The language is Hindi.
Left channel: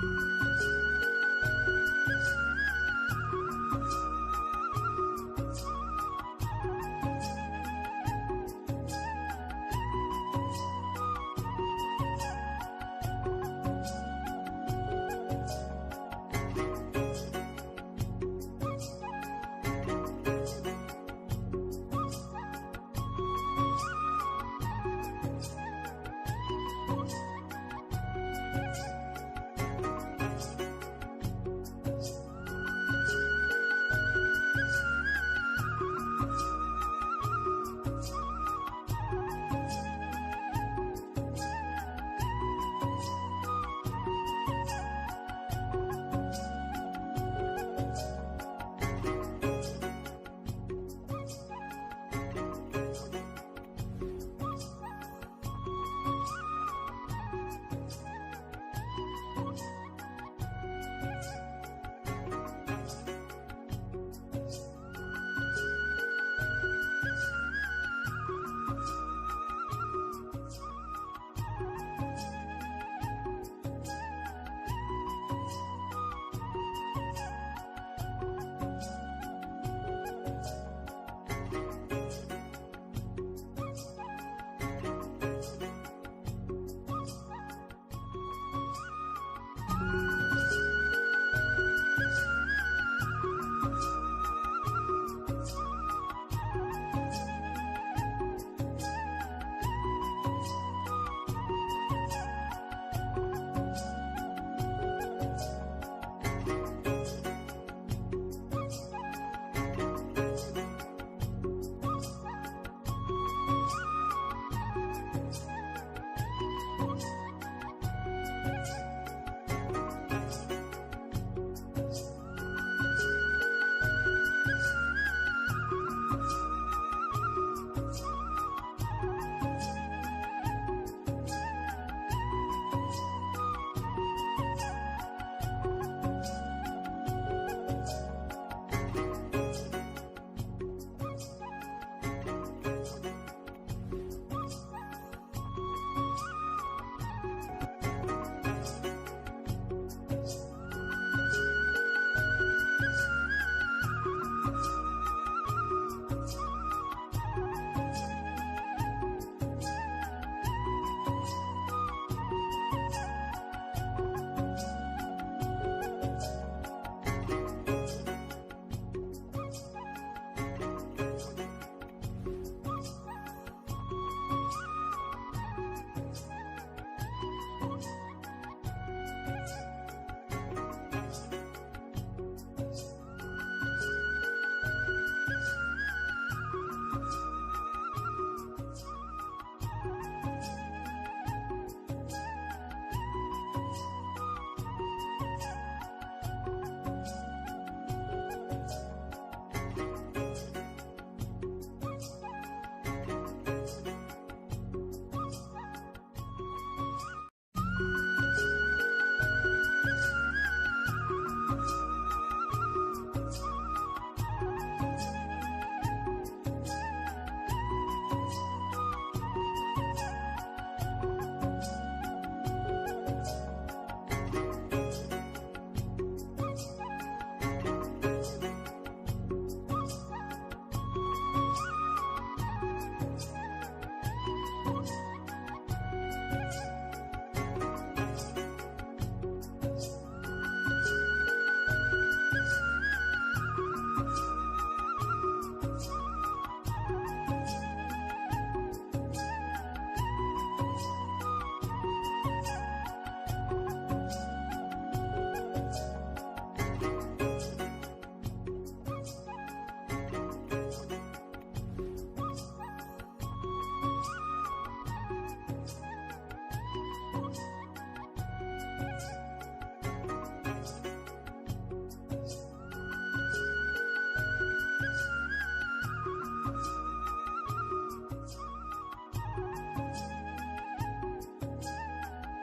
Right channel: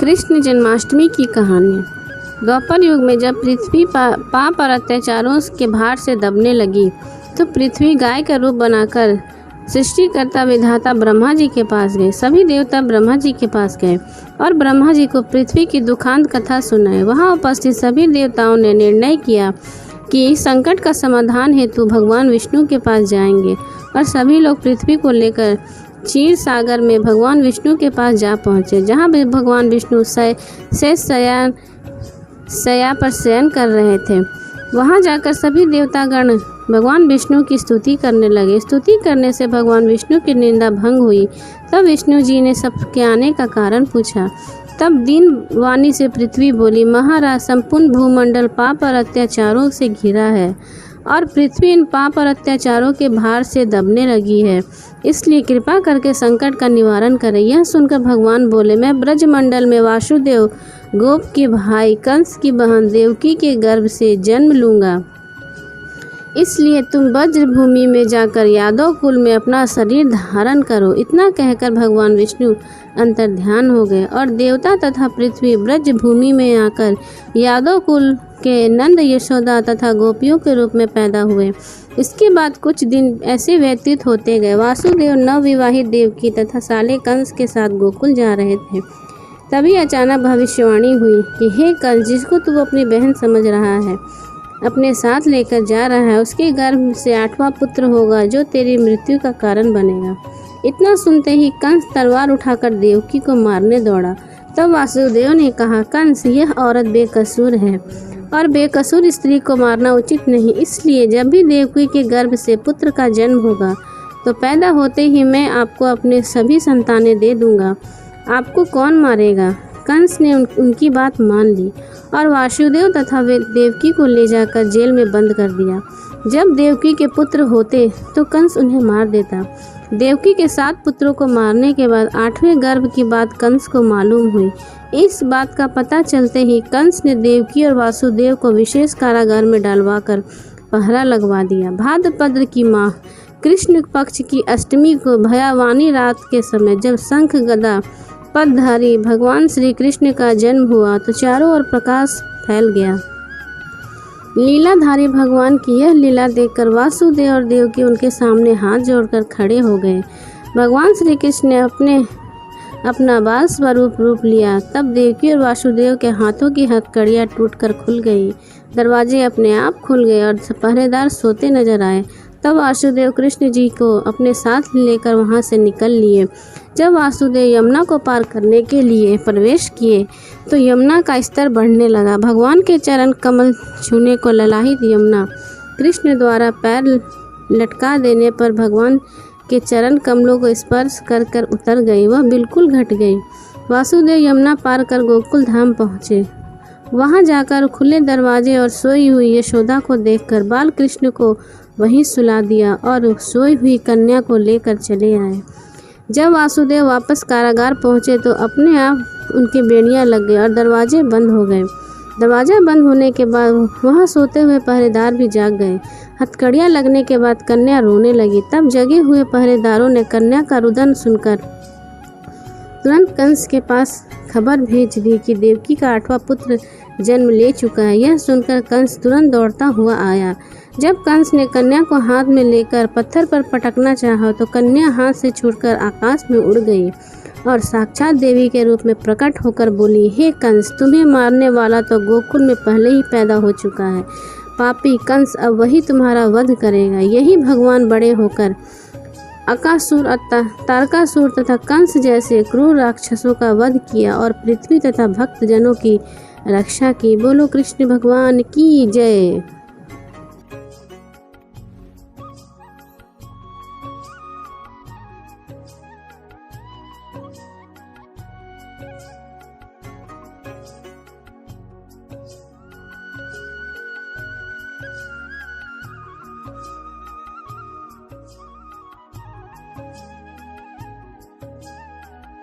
कृष्ण जन्माष्टमी की कहानी। द्वापर युग में जब पृथ्वी पाप और अत्याचारों के भार से दबने लगी तो पृथ्वी गाय का रूप बनाकर सृष्टिकर्ता विधाता ब्रह्मा जी के पास गए। सभी देवता ब्रह्मा जी के पास गए और ब्रह्मा जी को पृथ्वी की दुखांत कथा सुनाई। वहां उपस्थित सभी देवताओं ने निर्णय किया कि संकट का समाधान हेतु भगवान विष्णु के पास जाएंगे और सभी लोग पृथ्वी को लेकर क्षीर सागर में भगवान विष्णु के पास जा पहुँचे, जहाँ भी भगवान विष्णु शय्या पर शयन कर रहे थे। वहाँ जाकर सभी देवतागण भगवान विष्णु की स्तुति करने लगे। स्तुति करने से भगवान विष्णु की निंदा भंग हुई। तब विष्णु जी ने सबके आने का कारण पूछा। तब दीन वाणी से पृथ्वी बोली, महाराज, संपूर्ण भूमंडल पाप और अत्याचारों से घिरा है और पृथ्वी इन पाप और अत्याचारों के भार से दबने लगी है, इसलिए कृपा करके संकट का निवारण करें। यह सुनकर भगवान बोले, मैं ब्रजमंडल में वासुदेव गोप के भाई कंस की बहन देवकी के गर्भ से जन्म लूँगा, इसलिए तुम ब्रज भूमि में जाकर यादव कुल में अपना शरीर धारण करो। इतना कहकर भगवान विष्णु अंतर्ध्यान हो गए और देवता तथा पृथ्वी ब्रज भूमि में आकर यादव कुल के नंद, यशोदा तथा गोपियों के रूप में पैदा हुए। इसके बाद कुछ दिन ऐसे व्यतीत होते गए। वासुदेव नवविवाहित देवकी तथा साले कंस के साथ गोकुल जा रहे थे। तभी अचानक भविष्यवाणी हुई कि हे कंस, जिसको तू अपनी बहन समझ रहा है, अपने साथ लेकर जा रहा है, उसके गर्भ से 8वां पुत्र होगा जो तेरी मृत्यु का कारण बनेगा। इतना सुनते ही कंस तलवार उठाकर देवकी को मारने दौड़ा। तब वासुदेव ने कहा, कंस, यह औरत बेकसूर है और बेकसूर स्त्री को मारना उचित नहीं, इसलिए जब भी देवकी के गर्भ से पुत्र का जन्म होगा तो पैदा होते ही मैं आपको अपने सभी संतानें दे दूंगा। आपको कौन मारेगा? कंस ने उनकी बात मान ली और वासुदेव तथा देवकी को ले जाकर जेल में बंद कर दिया। जब देवकी के पुत्र होते तो कंस उन्हें मार देता। देवकी के 7 पुत्रों को मारने के बाद 8वें गर्भ की बात कंस को मालूम हुई। इस बात का पता चलते ही कंस ने देवकी और वासुदेव को विशेष कारागार में डालवाकर पहरा लगवा दिया। भाद्रपद की माह कृष्ण पक्ष की अष्टमी को भयावानी रात के समय जब शंख गदा पदधारी भगवान श्री कृष्ण का जन्म हुआ तो चारों ओर प्रकाश फैल गया। लीलाधारी भगवान की यह लीला देखकर वासुदेव और देवकी उनके सामने हाथ जोड़कर खड़े हो गए। भगवान श्री कृष्ण ने अपना बाल स्वरूप रूप लिया। तब देवकी और वासुदेव के हाथों की हथकड़ियाँ टूटकर खुल गई, दरवाजे अपने आप खुल गए और पहरेदार सोते नजर आए। तब वासुदेव कृष्ण जी को अपने साथ लेकर वहां से निकल लिए। जब वासुदेव यमुना को पार करने के लिए प्रवेश किए तो यमुना का स्तर बढ़ने लगा। भगवान के चरण कमल छूने को ललाहित यमुना कृष्ण द्वारा पैर लटका देने पर भगवान के चरण कमलों को स्पर्श कर कर उतर गई, वह बिल्कुल घट गई। वासुदेव यमुना पार कर गोकुल धाम पहुँचे। वहाँ जाकर खुले दरवाजे और सोई हुई यशोदा को देखकर बाल कृष्ण को वहीं सुला दिया और सोई हुई कन्या को लेकर चले आए। जब वासुदेव वापस कारागार पहुंचे तो अपने आप उनकी बेड़ियां लग गई और दरवाजे बंद हो गए। दरवाजा बंद होने के बाद वहां सोते हुए पहरेदार भी जाग गए। हथकड़ियां लगने के बाद कन्या रोने लगी। तब जगे हुए पहरेदारों ने कन्या का रुदन सुनकर तुरंत कंस के पास खबर भेज दी कि देवकी का 8वां पुत्र जन्म ले चुका है। यह सुनकर कंस तुरंत दौड़ता हुआ आया। जब कंस ने कन्या को हाथ में लेकर पत्थर पर पटकना चाहा तो कन्या हाथ से छूटकर आकाश में उड़ गई और साक्षात देवी के रूप में प्रकट होकर बोली, हे कंस, तुम्हें मारने वाला तो गोकुल में पहले ही पैदा हो चुका है। पापी कंस, अब वही तुम्हारा वध करेगा। यही भगवान बड़े होकर अकासुर, तारकासुर तथा कंस जैसे क्रूर राक्षसों का वध किया और पृथ्वी तथा भक्त जनों की रक्षा की। बोलो कृष्ण भगवान की जय।